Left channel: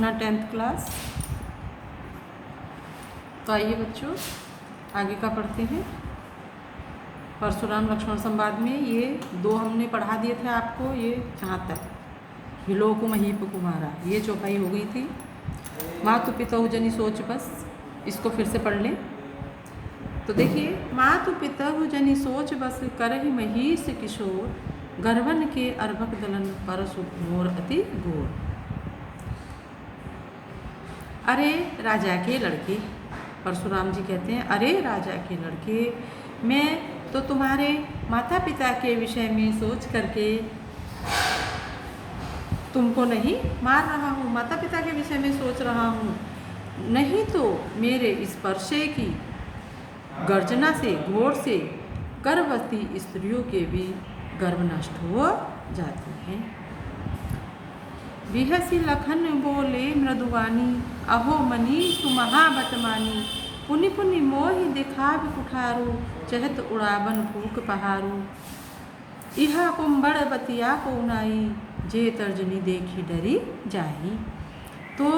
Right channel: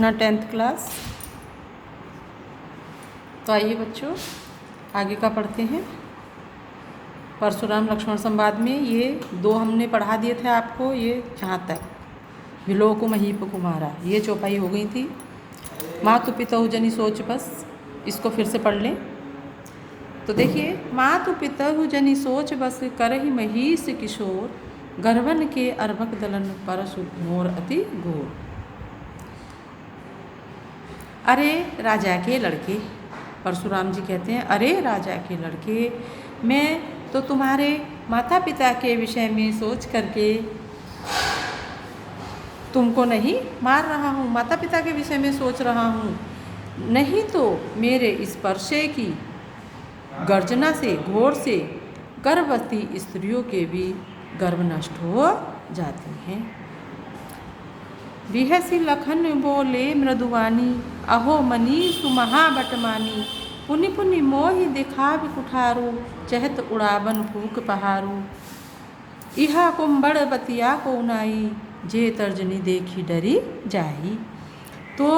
ना 10th class. तो आइए बच्चों आगे का पढ़ते हैं। परशुराम लक्ष्मण संवाद में ये 2 हमने पढ़ा दिए थे आपको, ये जहाँ तक विलोक महीप कुमारा ये चौपाई हो गई थी। मातु पितहु जनि सोच बस, इसको फिर से पढ़ लें। तो देखिए, मातु पितहु जनि सोच बस करहि महीष किशोर, गर्वन के अर्भक दलन परशु घोर अति घोर। अरे राजा के लड़के, परशुराम जी कहते हैं, अरे राजा के लड़के, मैं तो तुम्हारे माता पिता के विषय में सोच करके तुमको नहीं मार रहा हूँ, माता पिता के विषय में सोच रहा हूँ, नहीं तो मेरे इस परसे की गर्जना से, घोर से गर्भवती स्त्रियों के भी गर्भ नष्ट हो जाते हैं। बिहसी लखन बोले मृदुवानी, अहो मनीषु महाबटमानी, पुनि पुनि मोहि दिखाव कुठारू, चहत उड़ावन फूक पहारू। इहा कुंभड़ बतिया को नाई, जे तर्जनी देखी डरी जाही। तो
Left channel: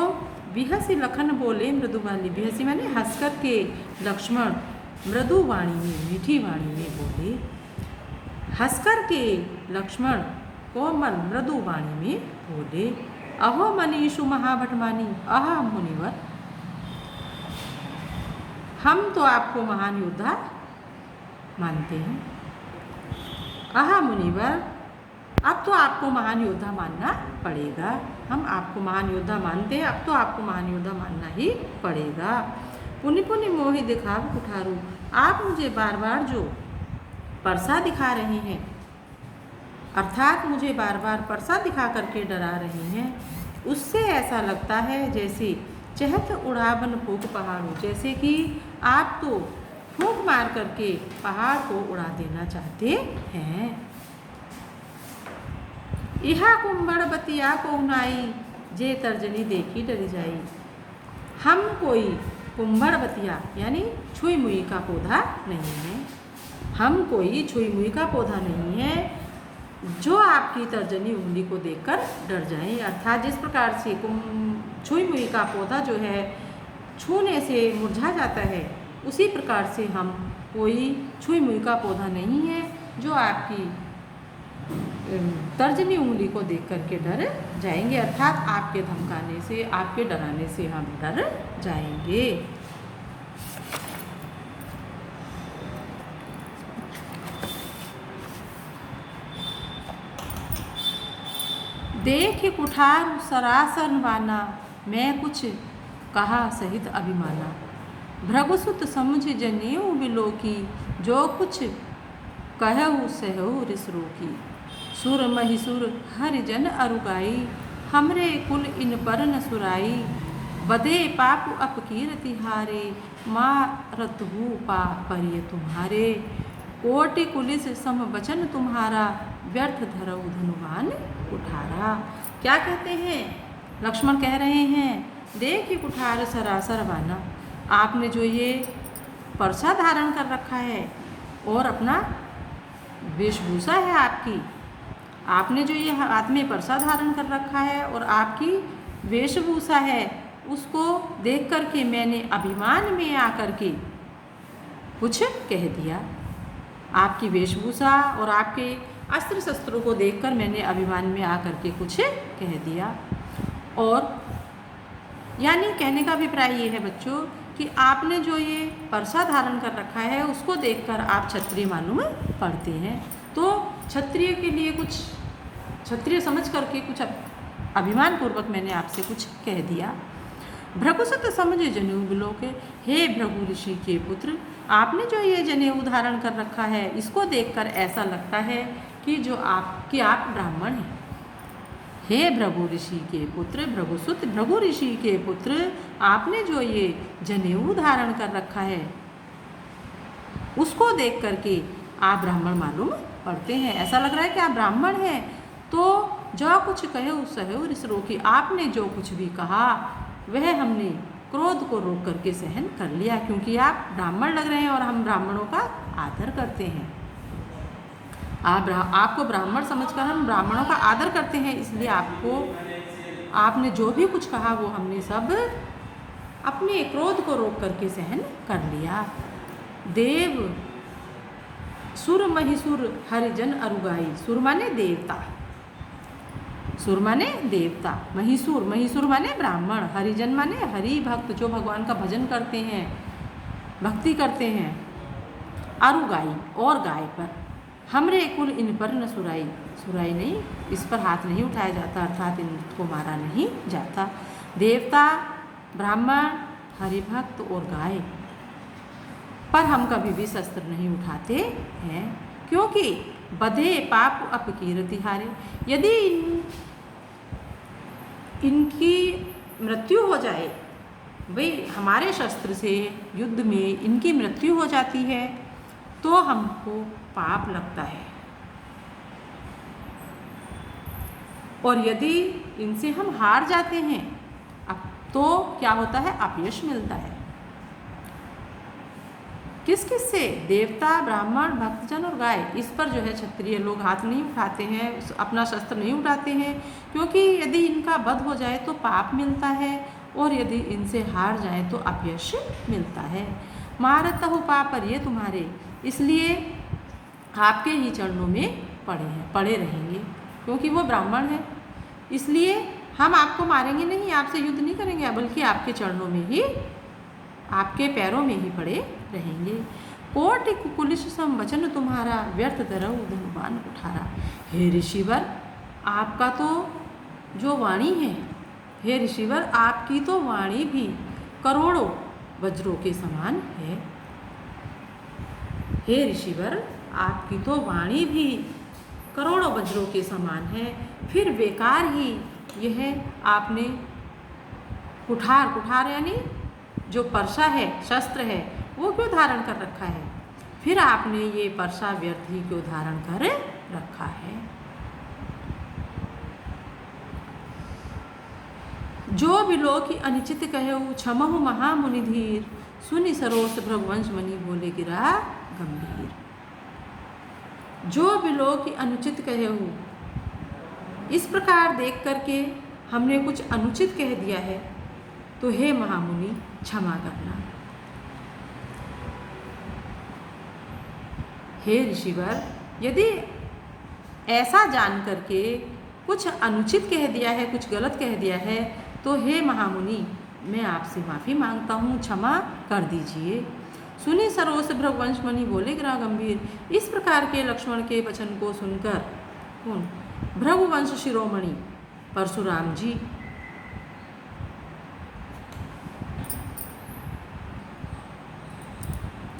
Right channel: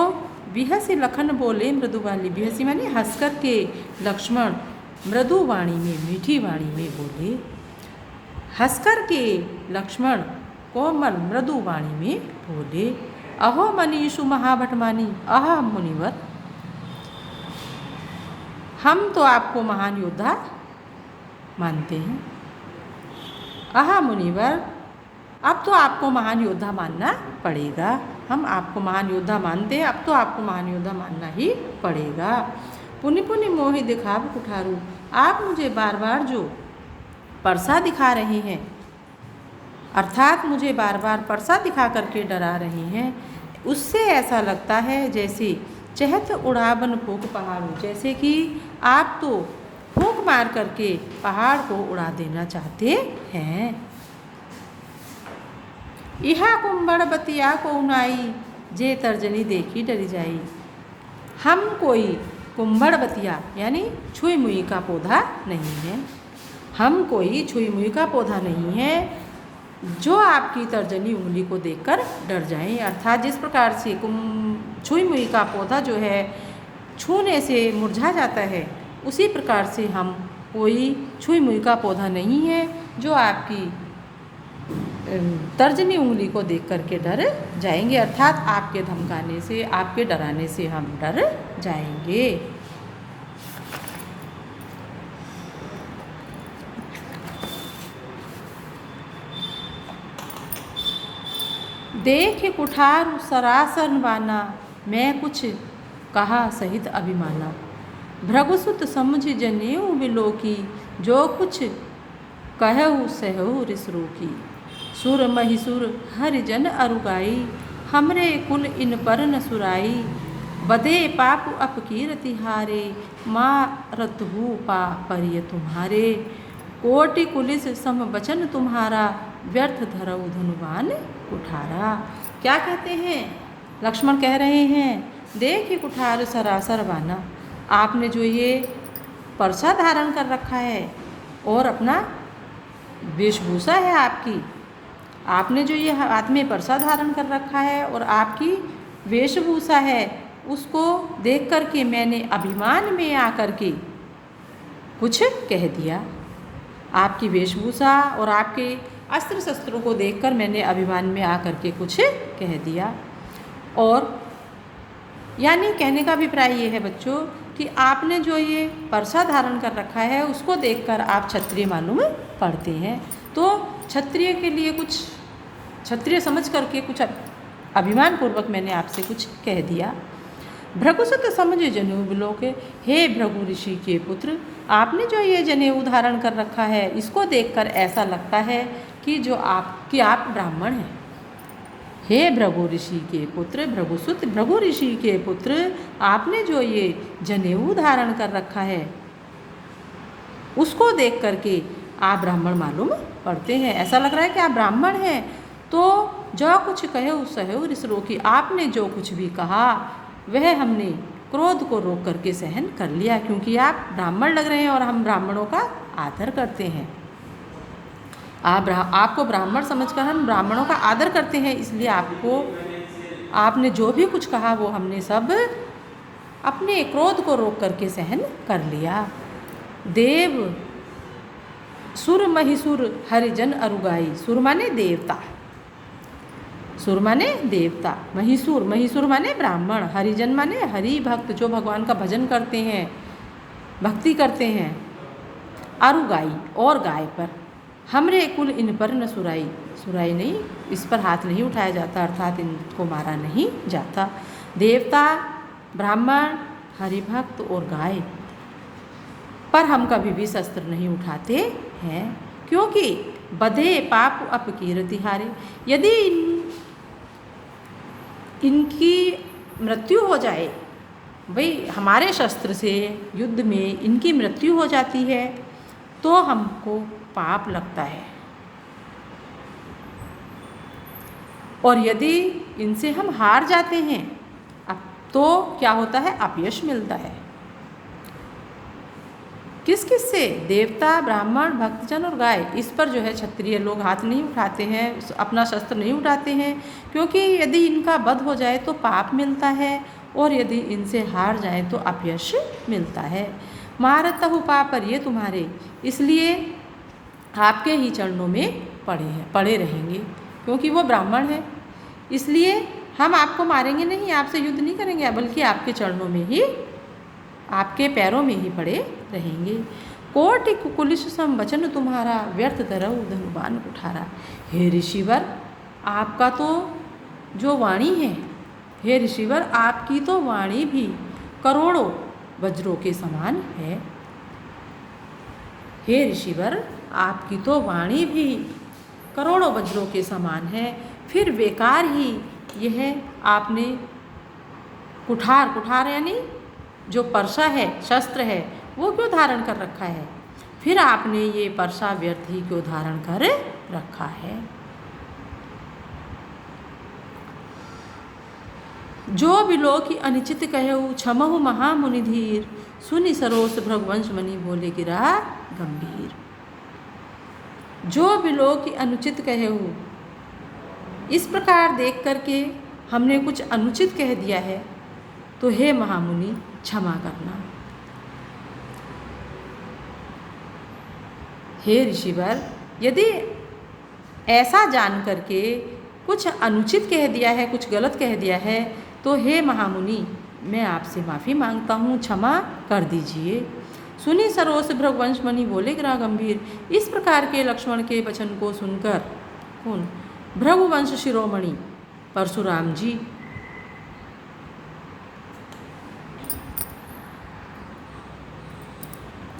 बिहसी लखन बोले मृदुवानी, बिहसी माने हंस कर के लक्ष्मण मृदु वाणी में, मीठी वाणी में बोले। हंस कर के लक्ष्मण कोमल मृदु वाणी में बोले, अहो मनीषु महाभटमानी, अह मुनिवर, हम तो आपको महान योद्धा मानते हैं। अह मुनिवर, अब तो आपको महान योद्धा मानना पड़ेगा। हम आपको महान योद्धा मानते हैं, अब तो आपको महान योद्धा मानना ही पड़ेगा। पुनि पुनि मोहि दिखाव कुठारू, आप मुझे बार बार जो परसा दिखा रहे हैं, अर्थात मुझे बार बार परसा दिखा करके डरा रहे हैं, उससे ऐसा लगता है जैसे चहत उड़ावन फूक पहाड़ू, जैसे कि आप तो फूंक मार करके पहाड़ को उड़ा देना चाहते हैं। इहा कुंभड़ बतिया को उनाई, जे तर्जनी देखी डरी जाई। हम कोई कुंभड़ बतिया यानी छुई मुई का पौधा नहीं है, हम कोई छुई मुई का पौधा नहीं है जो आपकी तर्जनी उंगली को देखकर डर जाएं। अर्थात जिस प्रकार से छुई मुई का पौधा जो है छूने से मुरझा जाता है, उसी प्रकार से हम कोई छुई मुई का पौधा नहीं है जो आपकी तर्जनी उंगली को देख करके डर जाएंगे। अर्थात आपके धमकाने से, आपके डराने से हम डर जाएंगे। देख कुठार सरासर वाना, मैं कुछ कहा सहित अभिमाना। भृगुसुत समझ जनेऊ बिलोकी, जो कुछ कहऊ सहऊ रिसरोकी। सुर महिसुर हरिजन अरुगाई, हमरे कुल इन पर न सुराई। बदे पाप अपकीरति हारे, मारतहु पा परिय तुम्हारे। कोटि कुलिस सम वचन तुम्हारा, व्यर्थ धरऊ धनुवान कुठारा। क्या कहते हैं? लक्ष्मण कह रहे हैं, देख कुठार सरासर वाना, आपने जो ये परसा धारण कर रखा है और अपना वेशभूषा है आपकी, आपने जो ये हाथ में परसा धारण कर रखा है और आपकी वेशभूषा है, उसको देख कर के मैंने अभिमान में आकर के कुछ कह दिया। आपकी वेशभूषा और आपके अस्त्र शस्त्रों को देखकर मैंने अभिमान में आकर के कुछ कह दिया। और यानी कहने का अभिप्राय ये है बच्चों कि आपने जो ये परसा धारण कर रखा है उसको देखकर आप क्षत्रिय मालूम पड़ते हैं। तो क्षत्रिय के लिए कुछ, क्षत्रिय समझ करके कुछ अभिमान पूर्वक मैंने आपसे कुछ कह दिया। भृगुसुत समझ जनेऊ बिलोके, हे भृगु ऋषि के पुत्र, आपने जो ये जनेऊ धारण कर रखा है इसको देखकर ऐसा लगता है कि आप ब्राह्मण हैं। हे भृगु ऋषि के पुत्र, भृगुसुत भृगु ऋषि के पुत्र, आपने जो ये जनेऊ धारण कर रखा है उसको देख करके आप ब्राह्मण मालूम पड़ते हैं। ऐसा लग रहा है कि आप ब्राह्मण हैं। तो जो कुछ कहे उस सहु रिसरोकी, आपने जो कुछ भी कहा वह हमने क्रोध को रोक करके सहन कर लिया, क्योंकि आप ब्राह्मण लग रहे हैं और हम ब्राह्मणों का आदर करते हैं। आपको ब्राह्मण समझकर हम ब्राह्मणों का आदर करते हैं, इसलिए आपने जो भी कुछ कहा वो हमने सब अपने क्रोध को रोक करके सहन कर लिया। देव सुर महिसुर हरिजन अरुगाई। सुर माने देवता, सुर माने देवता, महिसुर, महिसुर माने ब्राह्मण, हरिजन माने हरि भक्त, जो भगवान का भजन करते हैं, भक्ति करते हैं। अरुगाई और गाय पर, हमरे कुल इन पर न सुराई। सुराई नहीं, इस पर हाथ नहीं उठाया जाता, अर्थात इनको मारा नहीं जाता। देवता, ब्राह्मण, हरिभक्त और गाय पर हम कभी भी शस्त्र नहीं उठाते हैं, क्योंकि बधे पाप अपकीर्ति हारे। यदि इनकी मृत्यु हो जाए, भाई हमारे शस्त्र से युद्ध में इनकी मृत्यु हो जाती है तो हमको पाप लगता है, और यदि इनसे हम हार जाते हैं अब तो क्या होता है, अपयश मिलता है। किस किस से? देवता, ब्राह्मण, भक्तजन और गाय। इस पर जो है क्षत्रिय लोग हाथ नहीं उठाते हैं, अपना शस्त्र नहीं उठाते हैं, क्योंकि यदि इनका वध हो जाए तो पाप मिलता है, और यदि इनसे हार जाए तो अपयश मिलता है। मारतहु पापर ये तुम्हारे, इसलिए आपके ही चरणों में पड़े रहेंगे, क्योंकि वो ब्राह्मण है, इसलिए हम आपको मारेंगे नहीं, आपसे युद्ध नहीं करेंगे, बल्कि आपके चरणों में ही, आपके पैरों में ही पड़े रहेंगे। कोटि कुकुलिश सम वचन तुम्हारा, व्यर्थ धरऊ धनुबान कुठारा। हे ऋषिवर, आपका तो जो वाणी है, हे ऋषिवर आपकी तो वाणी भी करोड़ों वज्रों के समान है। हे ऋषिवर आपकी तो वाणी भी करोड़ों वज्रों के समान है, फिर बेकार ही यह आपने कुठार, कुठार यानी जो परसा है, शस्त्र है, वो क्यों धारण कर रखा है? फिर आपने ये परसा व्यर्थ ही क्यों धारण कर रखा है? जो बिलो की अनिचित कहऊ, क्षमहु महामुनि धीर, सुनि सरोस भृगवंश मणि बोले गिरा गंभीर। जो बिलो की अनुचित कहऊ, इस प्रकार देख करके हमने कुछ अनुचित कह दिया है तो हे महामुनि क्षमा करना। हे ऋषिवर, यदि ऐसा जान करके कुछ अनुचित कह दिया है, कुछ गलत कह दिया है, तो हे महामुनि मैं आपसे माफ़ी मांगता हूँ, क्षमा कर दीजिए। सुनी सरोस भृगवंश मणि बोले गिरा गंभीर। इस प्रकार के लक्ष्मण के वचन को सुनकर कौन? भृगुवंश शिरोमणि परशुराम जी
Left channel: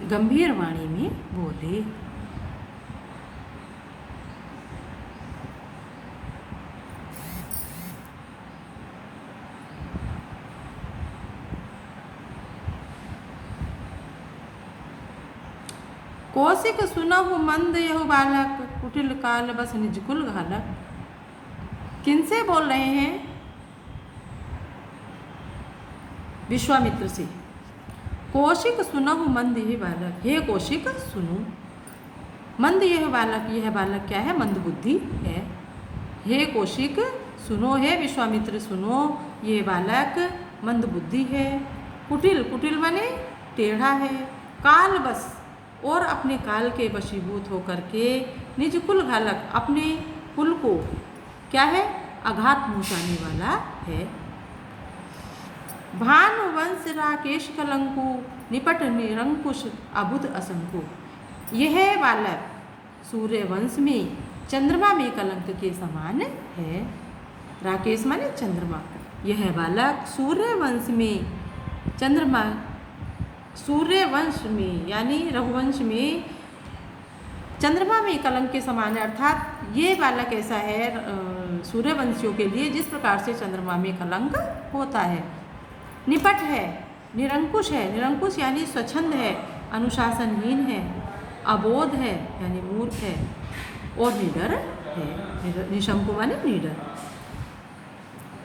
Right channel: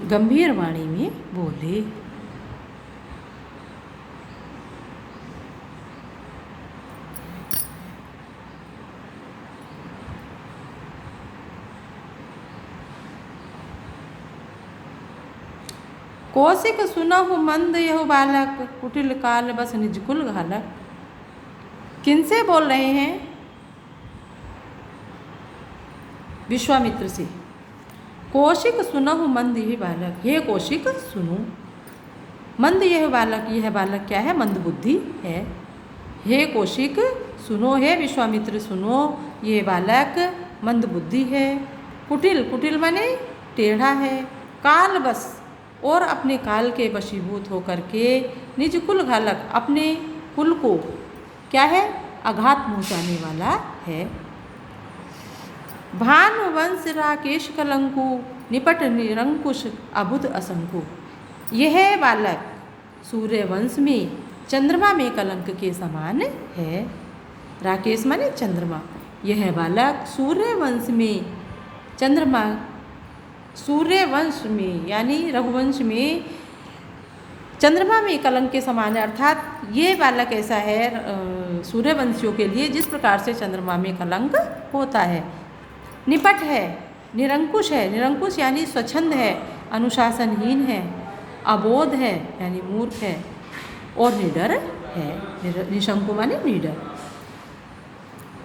गंभीर वाणी में बोले। कौशिक सुनहु मंद यहु बालक, कुटिल काल बस निज कुल घालक। किनसे बोल रहे हैं? विश्वामित्र से। कौशिक सुनहु मंद यह बालक, हे कौशिक सुनो। मंद यह बालक, यह बालक क्या है? मंद बुद्धि है। हे कौशिक सुनो, हे विश्वामित्र सुनो, ये बालक मंद बुद्धि है। कुटिल, कुटिल माने टेढ़ा है। काल बस, और अपने काल के वशीभूत होकर के निज कुल घालक, अपने कुल को क्या है? आघात पहुँचाने वाला है। भानुवंश राकेश कलंकु, निपट निरंकुश अबुध असंकु। यह बालक सूर्यवंश में चंद्रमा में कलंक के समान है। राकेश माने चंद्रमा। यह बालक सूर्यवंश में चंद्रमा, सूर्यवंश में यानी रघुवंश में चंद्रमा में कलंक के समान है, अर्थात ये बालक ऐसा है सूर्यवंशियों के लिए जिस प्रकार से चंद्रमा में कलंक होता है। निपट है, निरंकुश है, निरंकुश यानी स्वच्छंद है, अनुशासनहीन है, अबोध है यानी मूर्ख है, और निडर है। निशंकु माने निडर।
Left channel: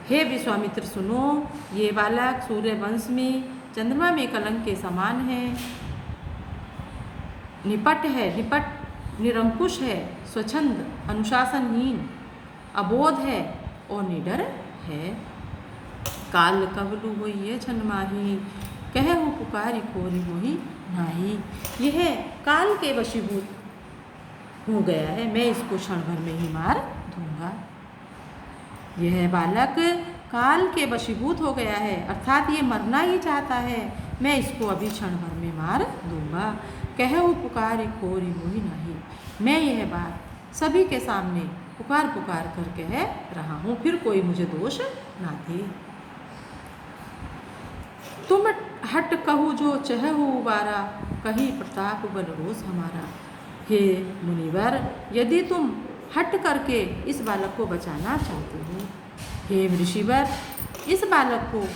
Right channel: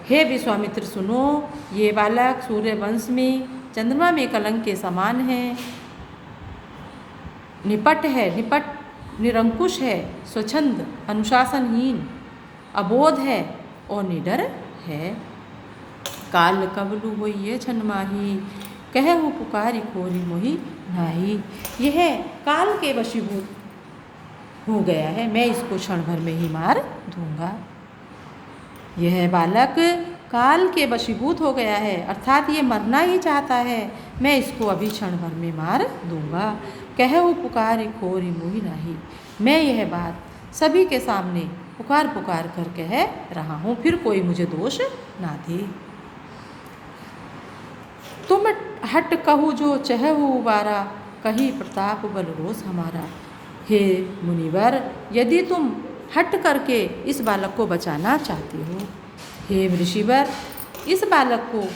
हे विश्वामित्र सुनो, ये बालक सूर्यवंश में चंद्रमा में कलंक के समान है। निपट है, निपट निरंकुश है, स्वच्छंद, अनुशासनहीन, अबोध है और निडर है। काल कबलु होइए छन माही, कहु पुकारी खोरी मोहि नाही। यह काल के वशीभूत हो गया है, मैं इसको क्षण भर में ही मार दूंगा। यह बालक काल के वशीभूत हो गया है, अर्थात ये मरना ही चाहता है, मैं इसको अभी क्षण भर में मार दूंगा। कहु पुकारी खोरी मोहि नाही, मैं यह बात सभी के सामने पुकार पुकार कर कह रहा हूँ, फिर कोई मुझे दोष ना दे। तुम हट कहु जो चहु उबारा, कही प्रताप बल रोष हमारा। हे मुनिवर, यदि तुम हट करके इस बालक को बचाना चाहते हो, हे ऋषिवर, इस बालक को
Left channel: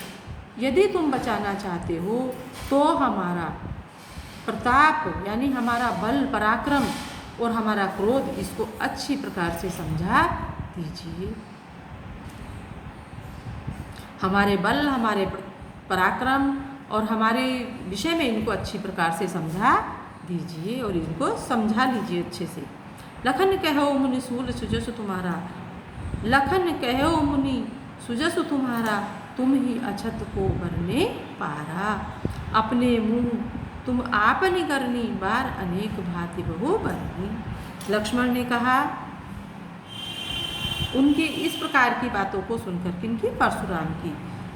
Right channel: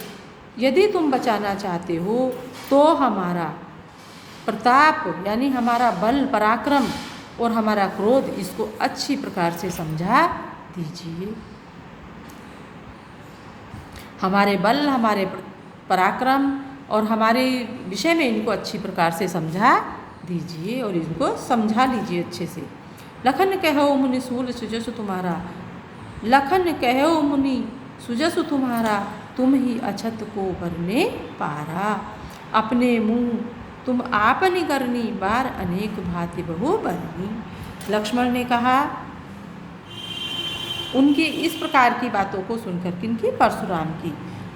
यदि तुम बचाना चाहते हो तो हमारा प्रताप यानी हमारा बल पराक्रम और हमारा क्रोध इसको अच्छी प्रकार से समझा दीजिए। हमारे बल, हमारे पराक्रम और हमारे विषय में इनको अच्छी प्रकार से समझा दीजिए और इनको समझा लीजिए अच्छे से। लखन कहो मुनि सूल सुजस तुम्हारा, लखन कहो मुनि सुजस तुम्हारा, तुम ही अछत को बरने पारा। अपने मुँह तुम आपनि करनी, बार अनेक भांति बहु बरनी। लक्ष्मण ने कहा उनकी इस प्रकार की बातों को सुनकर, किनकी?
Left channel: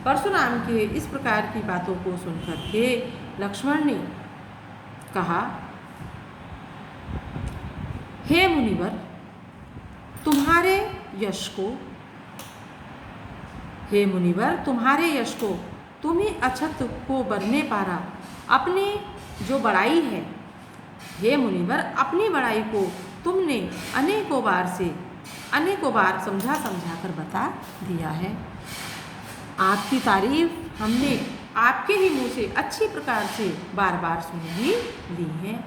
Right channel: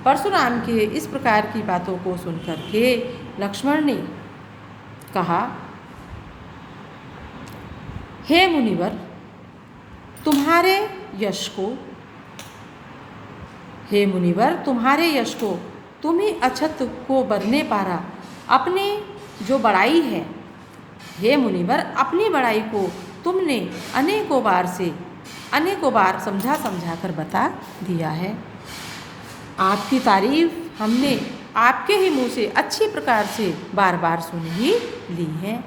परशुराम के इस प्रकार की बातों को सुनकर के लक्ष्मण ने कहा, हे मुनिवर, तुम्हारे यश को तुम ही अछत को बरने पारा। अपने जो बड़ाई है, हे मुनिवर, अपनी बड़ाई को तुमने अनेकों बार समझा कर बता दिया है। आपकी तारीफ हमने आपके ही मुँह से अच्छी प्रकार से बार बार सुन ही ली है।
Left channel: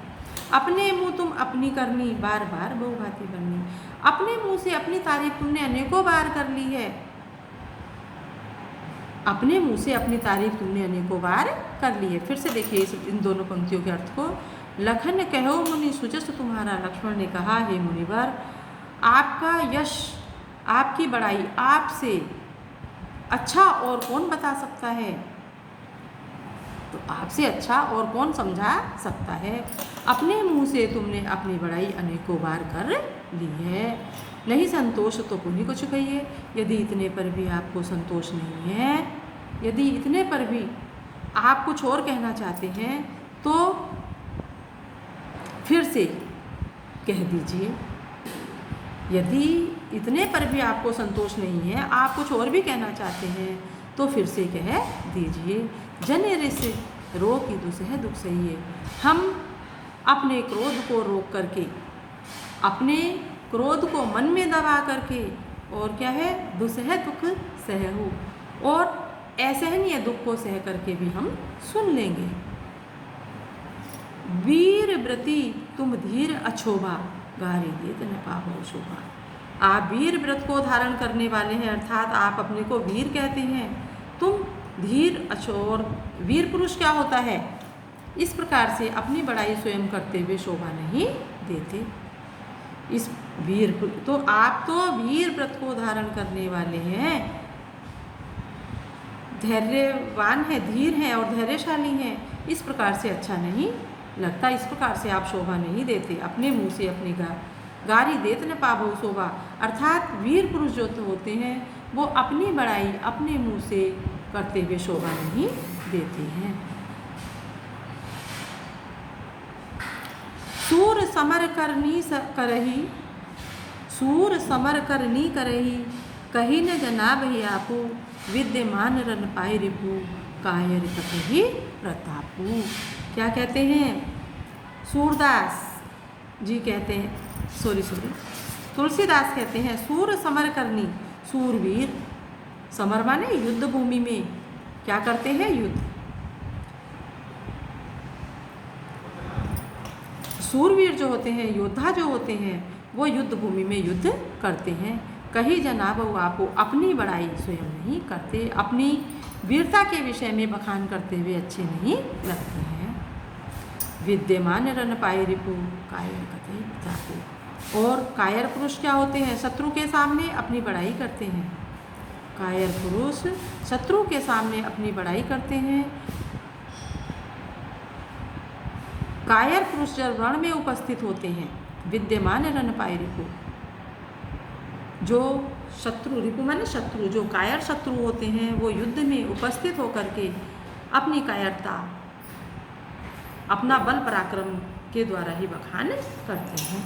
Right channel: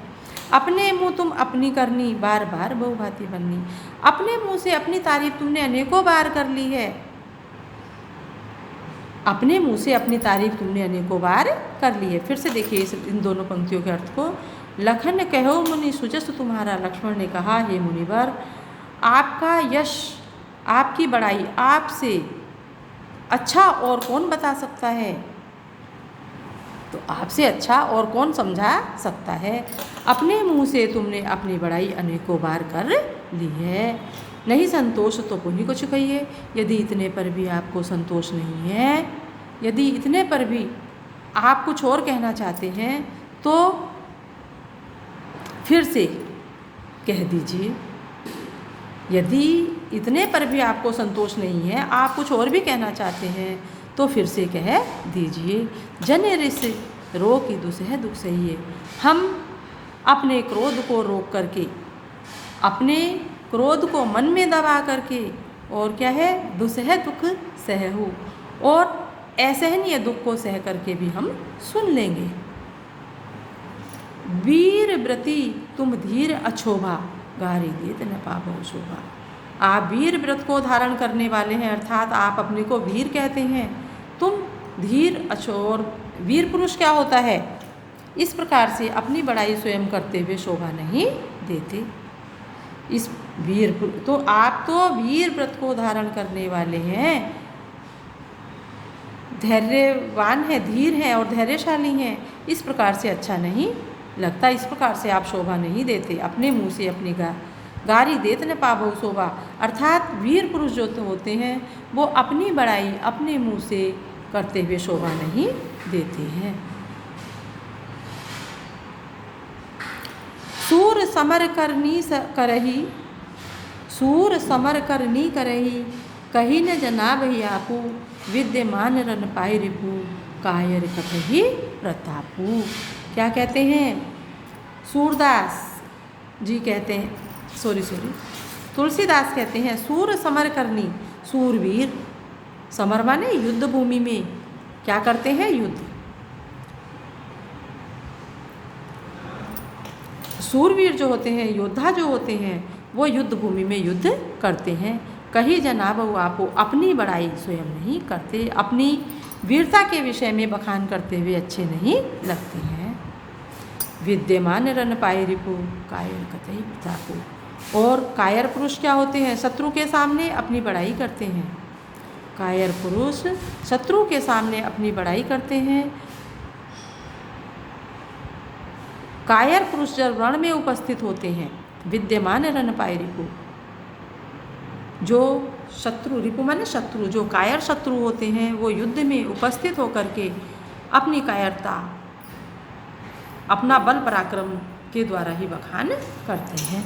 अपने मुँह तुम अपनी करनी, बार बार बहुभांति बननी। अपने मुँह से अपनी तारीफ तुमने अनेकों बार कर ली है। अपने मुँह से अपनी तारीफ तुमने अनेकों बार कर ली है। फिर से देखिए इन दोनों पंक्तियों के अर्थ को। लखन कहो मुनि सुजस तुम्हारा, लक्ष्मण ने कहा, हे मुनिवर, आपका यश, आपकी बड़ाई आपसे अच्छा और कौन बता सकता है? तो आपसे अच्छा और कौन समझा सकता है? अपने मुँह से तुमने अपनी बड़ाई अनेकों बार कर ली है। नहीं संतोष तो पुण्य कुछ कहिए। यदि इतने पर भी आपको संतोष नहीं है, यदि इतने पर भी आप कुछ और कहना चाहते हैं तो फिर से कह दीजिए। यदि इतने पर भी आपको संतोष नहीं है, आप कुछ और भी कहना चाहते हैं तो फिर से कह दीजिए। जन रिस रो की दुसह दुख सहिए। हम अपने क्रोध को रोक करके, अपने क्रोध को मन में दबा करके, और क्या है, दुसह दुख सहु, और असहनीय दुख को सह करके भी हम सुन लेंगे। वीर व्रती तुम धीर अछोभा, गारी देत न पावो शोभा। आप वीर व्रत को धारण करने वाले हैं, अर्थात आप अपने को वीर कहते हैं। तुम धीर अछोर, वीर पुरुष क्या होता है? इस प्रकार से अपनी बड़ाई स्वयं करते हुए शोभा नहीं देते। इस वीर तो आप तो वीर व्रत को धारण करने वाले हैं, धैर्यवान हैं, धीर हैं और धैर्यशाली हैं। इस प्रकार से अच्छा नहीं लगता, इस प्रकार से आप शोभा नहीं देते। अपने मुँह से अपनी गारी देत न पावो शोभा, अर्थात वीर पुरुष जो होते हैं वो अपनी बड़ाई अपने मुँह से करते हुए शोभा नहीं देते हैं। सूर समर करनी करही, सूर समर करनी करही, कही न जनाबहि आपू, विद्यमान रन पाई रिपु, कायर कतहि प्रतापू। क्या कहते हैं? सूरदास जी कहते हैं, तुलसीदास कहते हैं, सूर समर करनी, सूरवीर, समर माने युद्ध भूमि में क्या करते हैं? युद्ध। सूरवीर जो होते हैं, योद्धा जो होते हैं, वो युद्ध भूमि में युद्ध करते हैं। कहीं जनाब आपो, अपनी बड़ाई स्वयं नहीं करते, अपनी वीरता के विषय में बखान करते हुए अच्छे नहीं लगते हैं। विद्यमान रन पाए रिपु, कायर कतई प्रतापु। और कायर पुरुष क्या होते हैं? शत्रु के सामने अपनी बड़ाई करते हैं। कायर पुरुष शत्रु के सामने अपनी बड़ाई करते हैं। कायर पुरुष जब रण में उपस्थित होते हैं, विद्यमान रण पाई रिपु, जो शत्रु, रिपु माने शत्रु, जो कायर शत्रु होते हैं वो युद्ध में उपस्थित होकर के अपनी कायरता, अपना बल पराक्रम के द्वारा ही बखान करते हैं।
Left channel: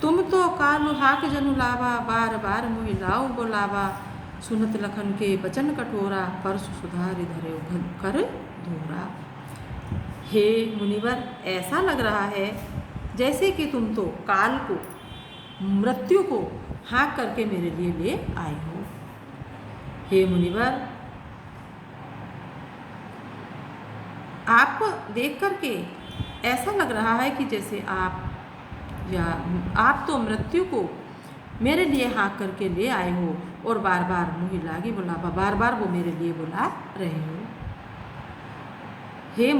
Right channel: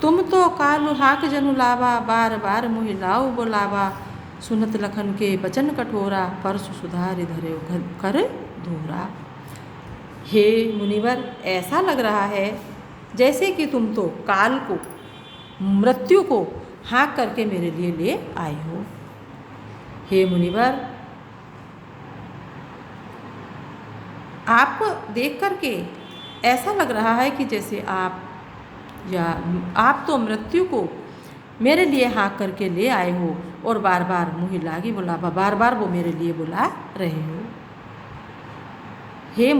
तुम तो काल हाक जनु लावा, बार बार मुहि लाओ बोलावा, सुनत लखन के बचन कठोरा, परसु सुधार धरे कर धोरा। हे मुनिवर, ऐसा लग रहा है जैसे कि तुम तो काल को, मृत्यु को हाँक करके मेरे लिए ले आए हो। हे मुनिवर, आपको देख करके ऐसा लग रहा है कि जैसे आप तो मृत्यु को मेरे लिए हाँक करके ले आए हो और बार बार मुहि लागी बुलावा, बार बार वो मेरे लिए बुला रहे हो। हे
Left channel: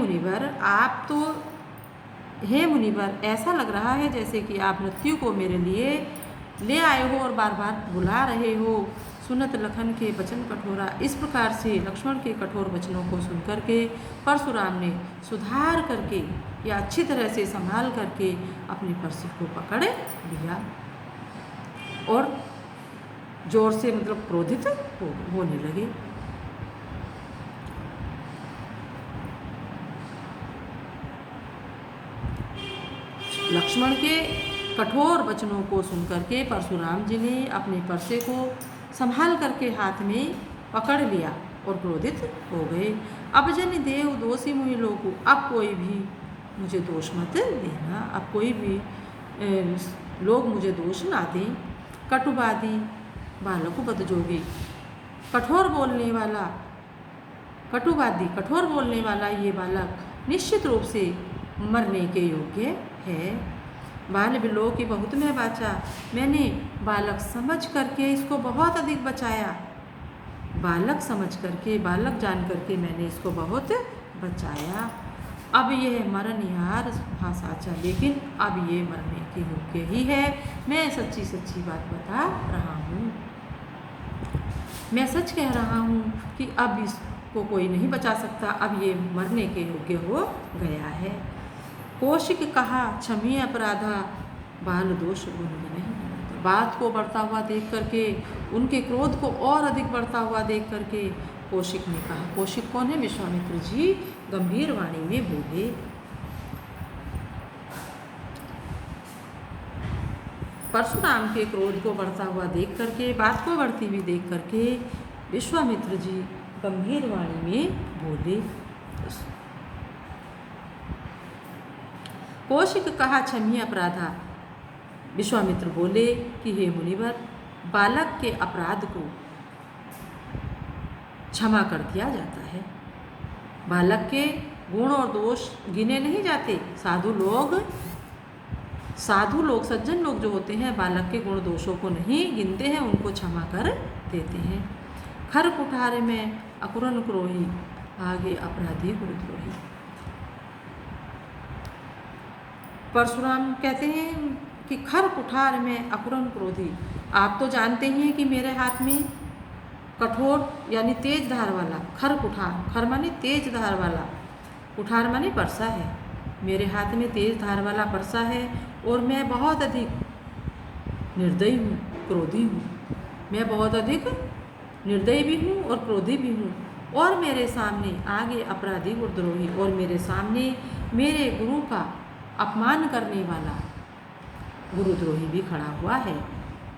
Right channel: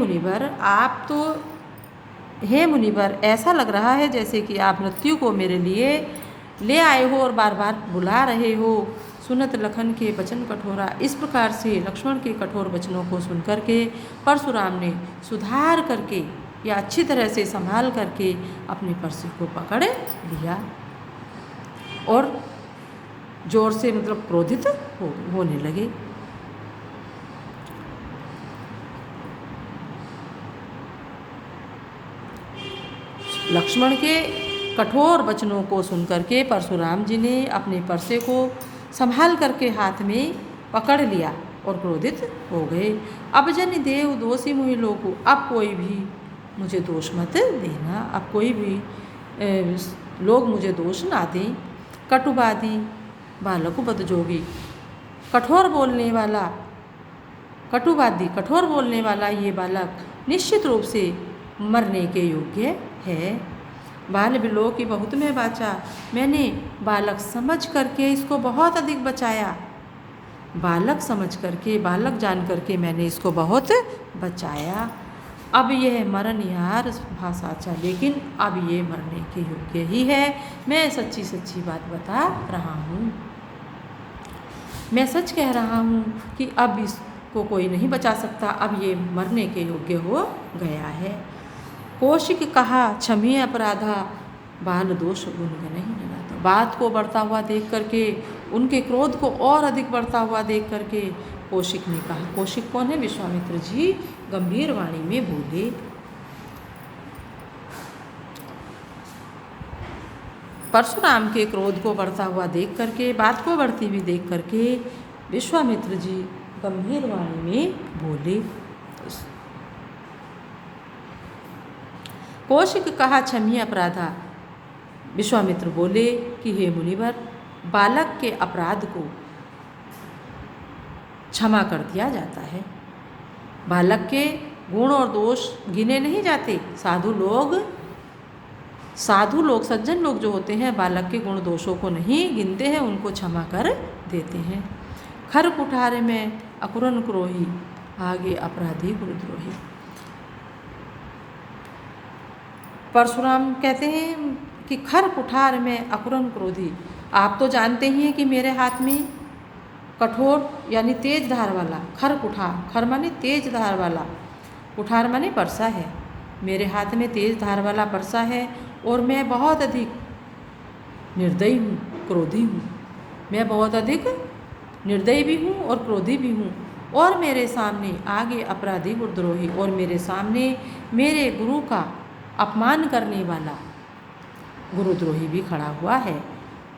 मुनिवर, ऐसा लग रहा है जैसे कि आप मृत्यु को मेरे लिए ले आए हो और बार बार बुला रहे हो। सुनत लखन के वचन कठोरा, इस प्रकार से लक्ष्मण के कठोर वचनों को सुनकर के परशुराम ने सुधार करके या अच्छी तरह से संभाल करके अपनी परसी को पकड़ लिया और जोर से मतलब क्रोधित होने लगे। लक्ष्मण के कठोर वचनों को सुनकर के परशुराम जी ने अपने परसे को संभाल करके हाथ में पकड़ लिया और क्रोधित हो गए। अब जन देव दोषी मुहि लोगु, अब कोई भी मुझे दोष मत देना, अब कोई भी लोग मुझे दोष ना दें। कटुवादी बालक बदजोगी, कठोर बोलने वाला, कटुवादी कठोर बोलने वाला ये बालक निश्चित रूप से मरने के योग्य है। बाल बिलो की बहुत में बाचा, मैंने बालक समझ करके इसको बहुत अधिक बचाया, बालक समझ करके, बालक जान करके मैंने इसको बहुत बचाया। अब यह मरण यार भाषाचा, लेकिन अब ये मरने के योग्य ही है। मैं सच्ची सच्ची बात बता रहा हूँ, मैं सच कह रहा हूँ कि अब इसको कोई नहीं बचा सकता, अब ये मरने के योग्य हो गया है। कौशिक कहा क्षमी अपराधा, बाल दोष गुण नहीं लगाता। बात को बढ़ता हुआ देख करके, उनके क्रोध को और अधिक बढ़ता हुआ देख करके कौशिक ने कहा, कौशिक कौन है? विश्वामित्र जी गंभीर वाणी में बोले। परशुराम के क्रोध को बढ़ता हुआ देख करके, बात को बढ़ती हुई देख करके विश्वामित्र जी गंभीर वाणी में बोले। कौशिक कहा क्षमी अपराधा, विश्वामित्र बोले कि हे मुनिवर, बालक के अपराध को क्षमा कर दिया जाता है। बालक के गुण और दोष गिने नहीं जाते। साधु लोग सज्जन लोग जो होते हैं बालक के गुण दोषों को नहीं गिनते हैं, उनको क्षमा कर देते हैं। खर कुठारे में अकुरन क्रोही, आगे अपराधी गुरुद्रोही। परशुराम कहते हैं कि खर कुठार में अकुरन क्रोधी, आप तो जानते ही हैं कि मेरे हाथ में कठोर यानी तेज धार वाला खर कुठार, खर माने तेज धार वाला, कुठार माने परसा है। मेरे हाथ में तेज धार वाला परसा है और मैं बहुत अधिक निर्दयी हूँ, क्रोधी हूँ। मैं बहुत अधिक निर्दयी भी हूँ और क्रोधी भी हूँ। और मेरे सामने आगे अपराधी गुरुद्रोही, और मेरे सामने मेरे गुरु का अपमान करने वाला गुरुद्रोही भी खड़ा हुआ है।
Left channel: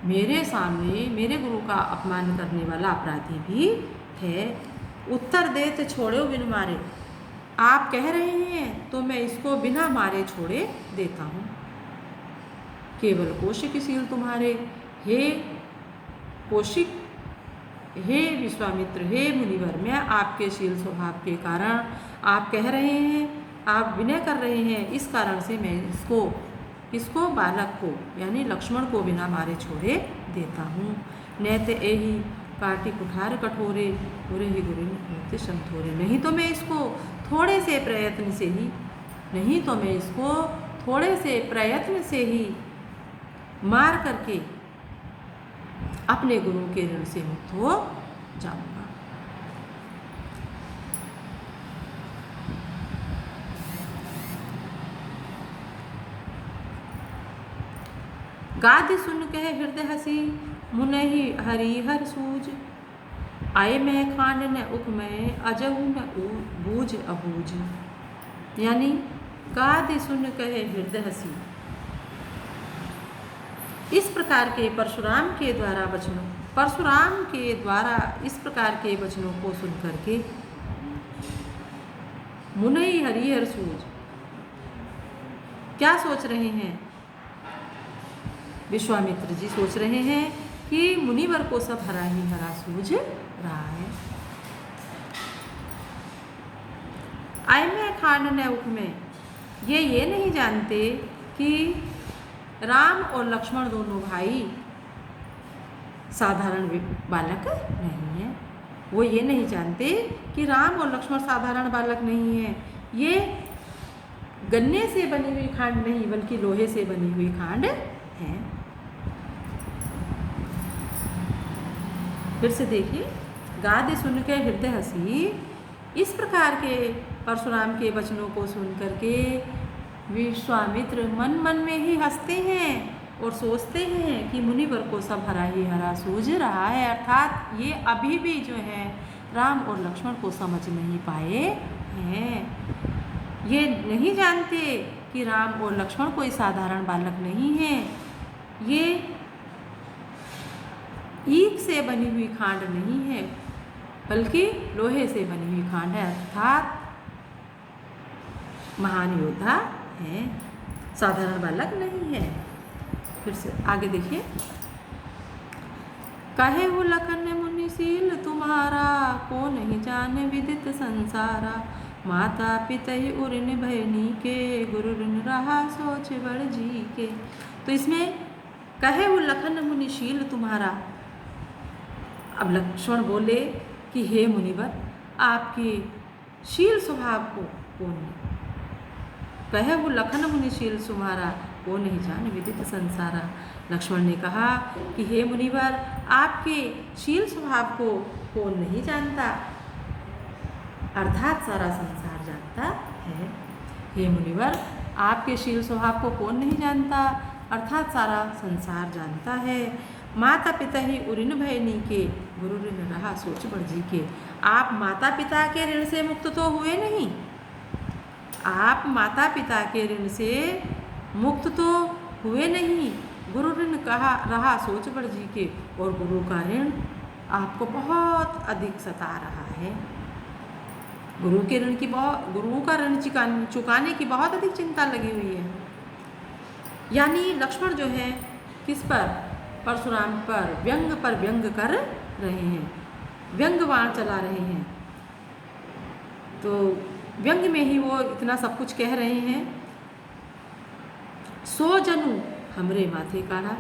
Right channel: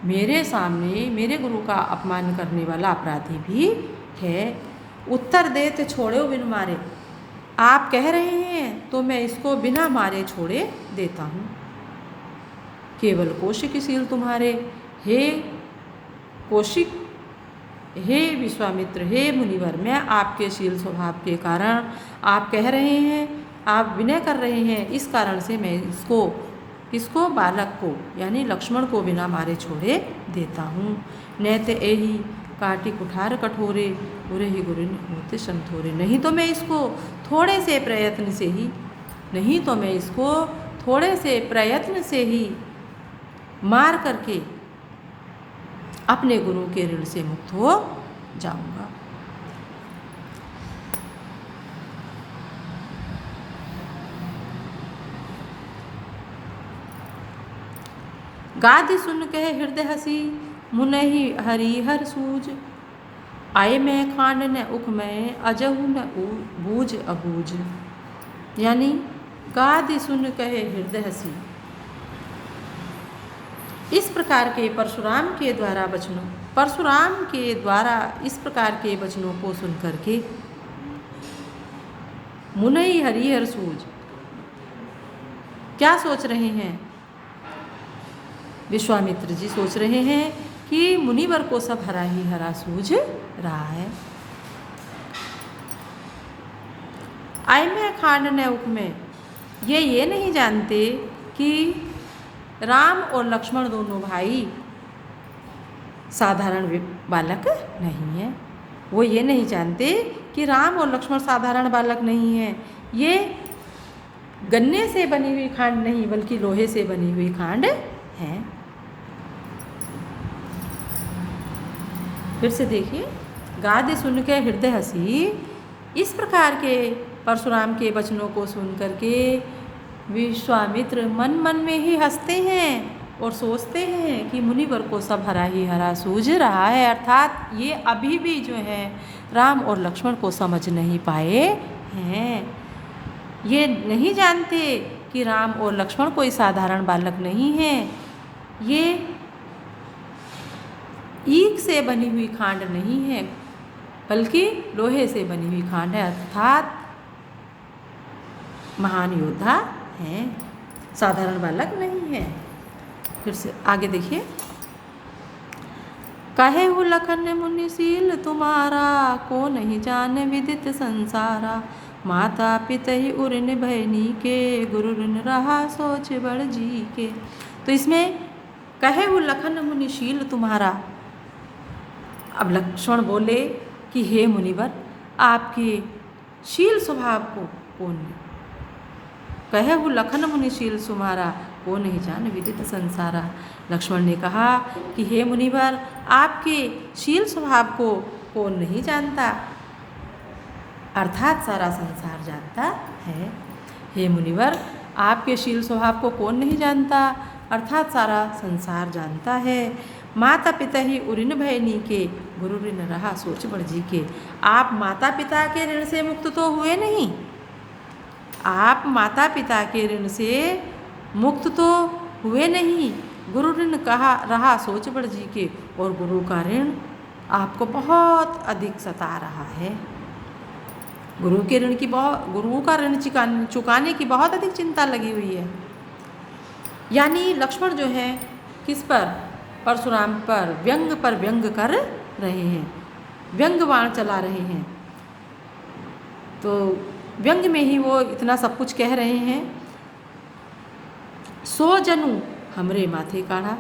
मेरे सामने मेरे गुरु का अपमान करने वाला अपराधी भी है। उत्तर देते छोड़े बिन मारे, आप कह रहे हैं तो मैं इसको बिना मारे छोड़े देता हूँ। केवल कौशिक शील तुम्हारे, हे कौशिक, हे विश्वामित्र, हे मुनिवर, मैं आपके शील स्वभाव के कारण, आप कह रहे हैं, आप विनय कर रहे हैं, इस कारण से मैं इसको बालक को यानी लक्ष्मण को बिना मारे छोड़े देता हूँ। नैत एही काटी कुठार कठोरे, उरे ही गुरिन होते संथोरे। नहीं तो मैं इसको थोड़े से प्रयत्न से ही मार करके अपने गुरु के ऋण से मुक्त हो जाऊंगा। गादि सुन कह हृदय हसी, मुनहि हरिहर सूज। आए मैं खांड न उख में, अजहु न बूझ अबूझ। यानी गादि सुन कहे हृदय हसी, इस प्रकार के परशुराम के द्वारा इस प्रकार के वचनों को सुन करके मुनहि हरिहर सूझ, क्या सोच रहे हैं? विश्वामित्र जी सोच रहे हैं कि मुनिवर को सब हरा ही हरा सूझ रहा है। आय में खांड न उख में, ये नहीं जानते कि राम और लक्ष्मण दोनों भाई साधारण बालक नहीं है। वो ये नहीं जानते कि राम और लक्ष्मण साधारण बालक नहीं है। ये गन्ने से बनी हुई खांड नहीं बल्कि लोहे से बनी हुई खांड है। फिर से देखिए, गादि सुन के हृदय हसी, इस प्रकार के परशुराम के वचनों को सुन करके विश्वामित्र मन मन में ही हंसते हैं और सोचते हैं कि मुनिवर को सब हरा ही हरा सूझ रहा है। अर्थात ये अभी भी जो है राम और लक्ष्मण को समझ नहीं पाए हैं। ये नहीं जानते कि राम और लक्ष्मण कोई साधारण बालक नहीं है। ये ईख से बनी हुई खांड नहीं है बल्कि लोहे से बनी हुई खांड है। अर्थात महान योद्धा हैं, साधारण बालक नहीं है। फिर से आगे देखिए, कहे वो लखन मुनिशील तुम्हारा, को नहीं जाने विदित संसारा। माता पिता ही उर्न भयनी के, गुरु ऋण रहा सोच बड़ जी के। तो इसमें कहे वो लखन मुनिशील तुम्हारा, अब लक्ष्मण बोले कि हे मुनिवर, आपके शील स्वभाव को कौन ने, कहे वो लखन मुनिशील तुम्हारा, को नहीं जान विदित संसारा। लक्ष्मण ने कहा कि हे मुनिवर, आपके शील स्वभाव को कौन नहीं जानता, अर्थात सारा संसार जानता है। हे मुनिवर, आपके शील स्वभाव को कौन नहीं जानता, अर्थात सारा संसार जानता है। माता पिता ही उऋण भयनी के, गुरु ऋण रहा सोच बड़ जी के। आप माता पिता के ऋण से मुक्त तो हुए नहीं, आप माता पिता के ऋण से मुक्त तो हुए नहीं, गुरु ऋण कहा रहा सोच बड़ जी के, और गुरु का ऋण आपको बहुत अधिक सता रहा है। गुरु का ऋण चुकाने की बहुत अधिक चिंता लगी हुई है। यानी लक्ष्मण जो है किस पर, परशुराम पर व्यंग कर रहे हैं, व्यंगवाण चला रहे हैं। तो व्यंग में ही वो इतना सब कुछ कह रहे हैं। सो जनु हमरे माथे काढ़ा,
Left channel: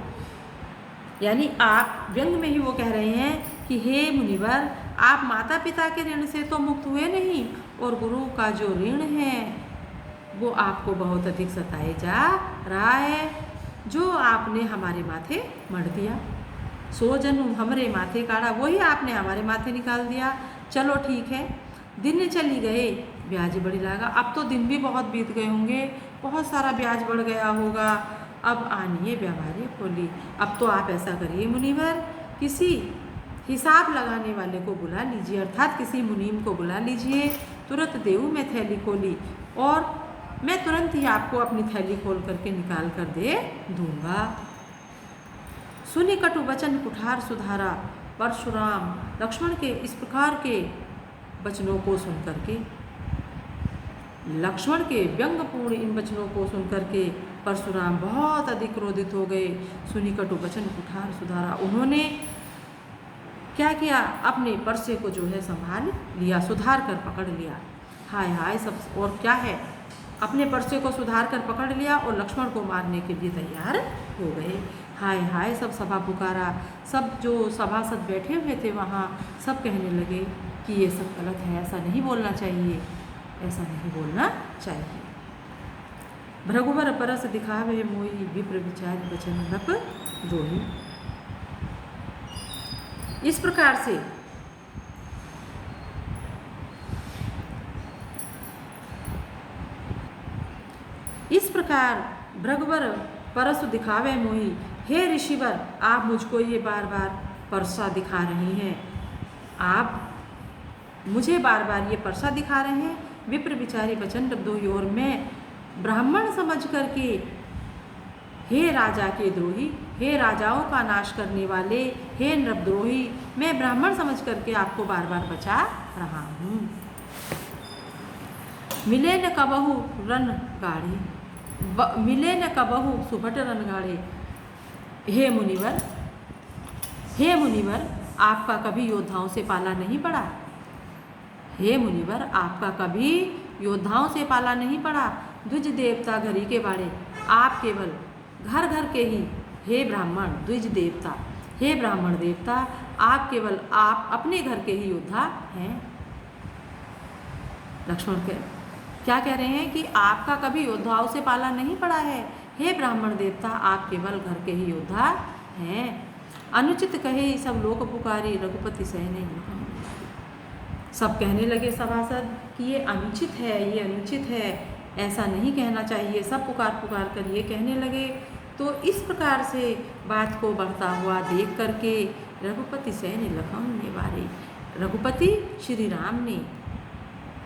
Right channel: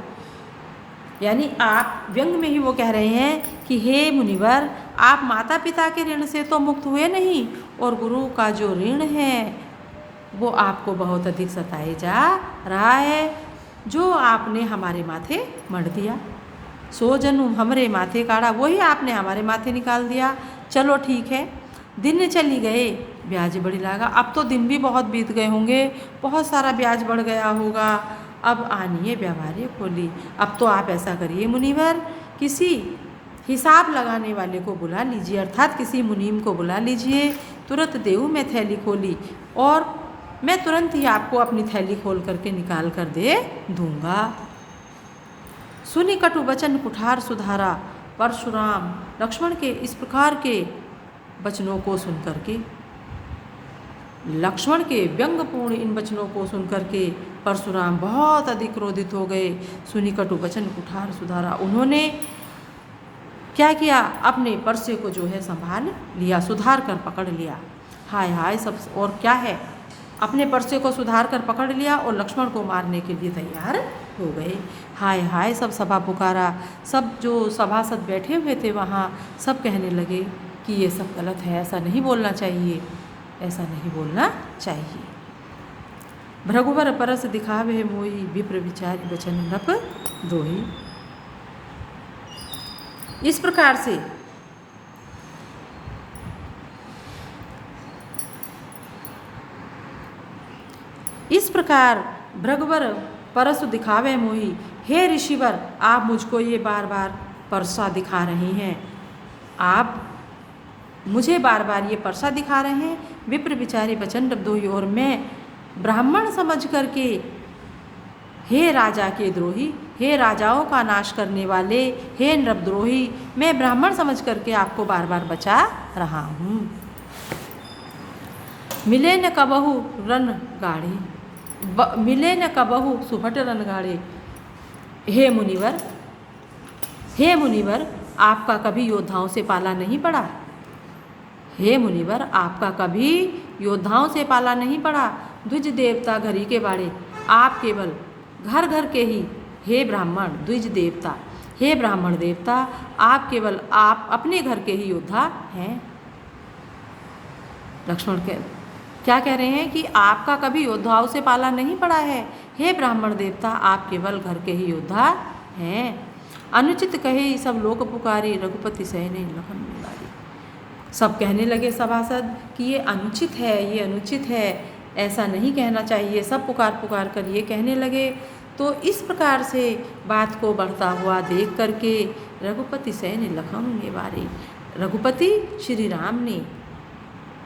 यानी आप व्यंग में ही वो कह रहे हैं कि हे मुनिवर, आप माता पिता के ऋण से तो मुक्त हुए नहीं, और गुरु का जो ऋण है वो आपको बहुत अधिक सताए जा रहा है, जो आपने हमारे माथे मढ़ दिया। सो जनु हमरे माथे काढ़ा, वही आपने हमारे माथे निकाल दिया। चलो ठीक है, दिन चली गए ब्याज बढ़ी लागा। अब तो दिन भी बहुत बीत गए होंगे, बहुत सारा ब्याज बढ़ गया होगा, अब आनिए व्यवहार्य खोली। अब तो आप ऐसा करिए मुनिवर, किसी हिसाब लगाने वाले को बुला लीजिए, अर्थात किसी मुनीम को बुला लीजिए। तुरंत देऊ मैं थैली खोली, और मैं तुरंत ही आपको अपनी थैली खोल करके निकाल कर दे दूंगा। सुनी कटु वचन कुठार सुधारा, परशुराम लक्ष्मण के इस प्रकार के वचनों को सुन करके, लक्ष्मण के व्यंगपूर्ण इन वचनों को सुन करके परशुराम बहुत अधिक क्रोधित हो गए। सुनी कटु वचन कुठार सुधारा, उन्होंने क्या किया, अपने परसे को जो है संभाल लिया, सुधार कर पकड़ लिया। हाय हाय सब, और क्या है, अपने परसे को सुधार कर पकड़ लिया और लक्ष्मण को मारने के लिए तैयार हो गए। हाय हाय सब सभा पुकारा, सब जो सभासद बैठे हुए थे वहाँ सब कहने लगे कि ये सब गलत है, ऐसा नहीं बोलना चाहिए, ऐसा नहीं बोलना चाहिए। भृगुवर परस दिखावे मोही, विप्र विचार वचन नप दोही। इस प्रकार से भृगुवर परसु दिखावे मोही, हे ऋषिवर आप मुझको ये बार बार परसा दिखा रहे हैं, आप मुझे बार बार ये परसा दिखा रहे हैं। विप्र बिचारे प्रचंड द्रोही, और मैं ब्राह्मण समझ करके हे राजा के द्रोही, हे राजाओं का नाश करने वाले, हे नृपद्रोही, मैं ब्राह्मण समझ करके आपको बार बार बचा रहा हूँ। मिले न कबहु रन गाढ़े, मिले न कबहु सुभट रन गाढ़े, हे मुनिवर, हे मुनिवर आपका कभी योद्धाओं से पाला नहीं पड़ा, हे मुनिवर आपका कभी योद्धाओं से पाला नहीं पड़ा। द्विज देवता घरी के बाड़े, आप केवल घर घर के ही, हे ब्राह्मण द्विज देवता, हे ब्राह्मण देवता आप केवल आप अपने घर के ही योद्धा हैं। लक्ष्मण क्या कह रहे हैं कि आपका कभी योद्धाओं से पाला नहीं पड़ा है, हे ब्राह्मण देवता आप केवल घर के ही योद्धा हैं। अनुचित कहे सब लोक पुकारी, रघुपति सहने लखन बिलारी। सब कहने लगे सभासद कि ये अनुचित है, ये अनुचित है, ऐसा नहीं कहना चाहिए। सब पुकार पुकार कर ये कहने लगे। तो इस प्रकार से बात को बढ़ता हुआ देख करके रघुपति सहने लखन निवारे, रघुपति श्री राम ने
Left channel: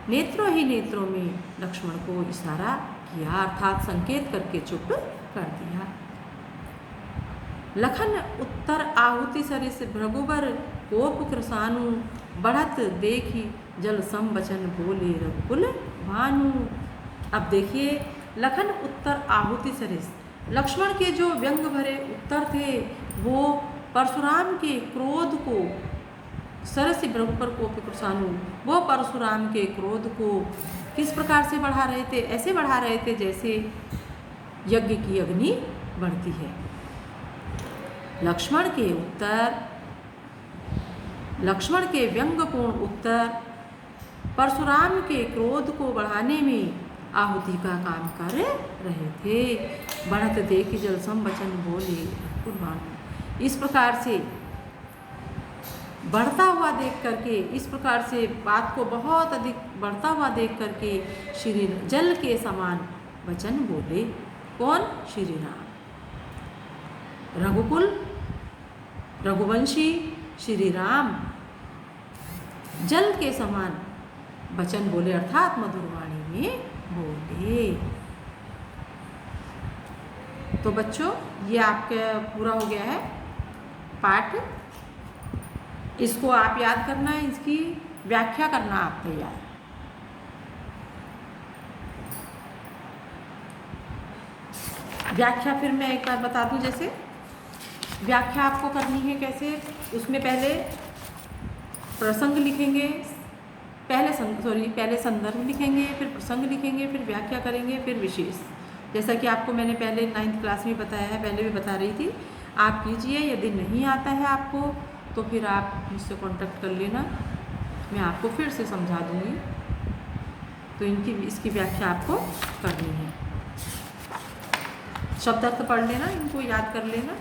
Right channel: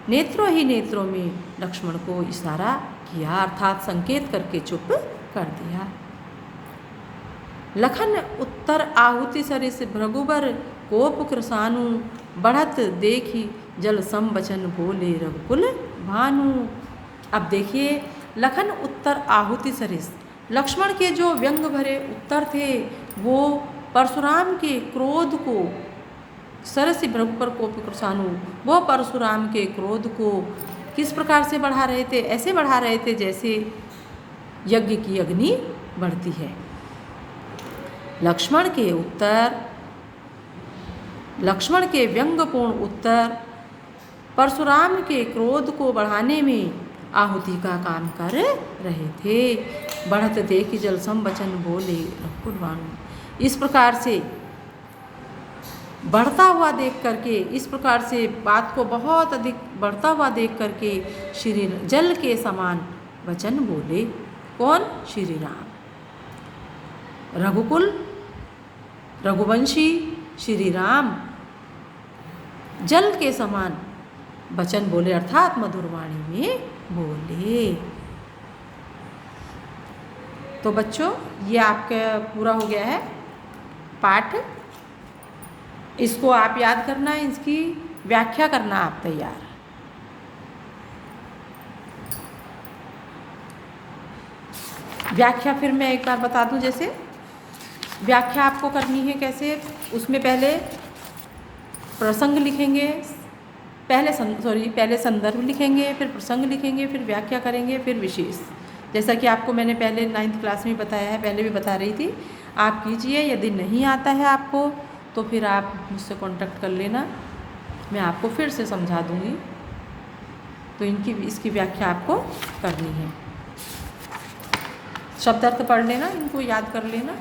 नेत्रों ही नेत्रों में लक्ष्मण को इशारा किया, अर्थात संकेत करके चुप कर दिया। लखन उत्तर आहुति सरिस, भृगुबर कोप कृसानु, बढ़त देखी जल सम बचन बोले रघुकुल भानु। अब देखिए लखन उत्तर आहुति सरिस, लक्ष्मण के जो व्यंग भरे उत्तर थे वो परशुराम के क्रोध को, सरसी भृगुपर कोप कृसानु, वो परशुराम के क्रोध को किस प्रकार से बढ़ा रहे थे? ऐसे बढ़ा रहे थे जैसे यज्ञ की अग्नि बढ़ती है। लक्ष्मण के उत्तर, लक्ष्मण के व्यंगपूर्ण उत्तर परशुराम के क्रोध को बढ़ाने में आहुति का काम कर रहे थे। बढ़त देख जल सम बचन बोले रघुकुल भानु। इस प्रकार से बढ़ता हुआ देख करके, इस प्रकार से बात को बहुत अधिक बढ़ता हुआ देख करके श्री जल के समान वचन बोले। कौन? श्री राम। रघुकुल रघुवंशी श्री राम जल के समान वचन बोले, अर्थात मधुर वाणी में बोले। तो बच्चों ये आपका पूरा हो गया है पाठ। इसको आप याद करना, इसकी व्याख्या करना आप तैयार। व्याख्या फिर मैं एक बार बता दूं, जैसे व्याख्या आपको करनी है कैसे, उसमें पहले प्रसंग लिखेंगे, पहले संदर्भ लिखेंगे, फिर प्रसंग लिखेंगे, फिर व्याख्या करेंगे, फिर विशेष। जैसा कि आपको मैंने पहले 9th क्लास में बताया है, पहले भी बता रही थी। आप कीजिए, यदि नहीं आता है आपको तो फिर आप मुझसे कांटेक्ट कर लेना, मैं आपको फिर से समझा दूँगी। तो इसकी व्याख्या आपको करनी है। शब्दार्थ पढ़ लेना, इनको याद कर लेना।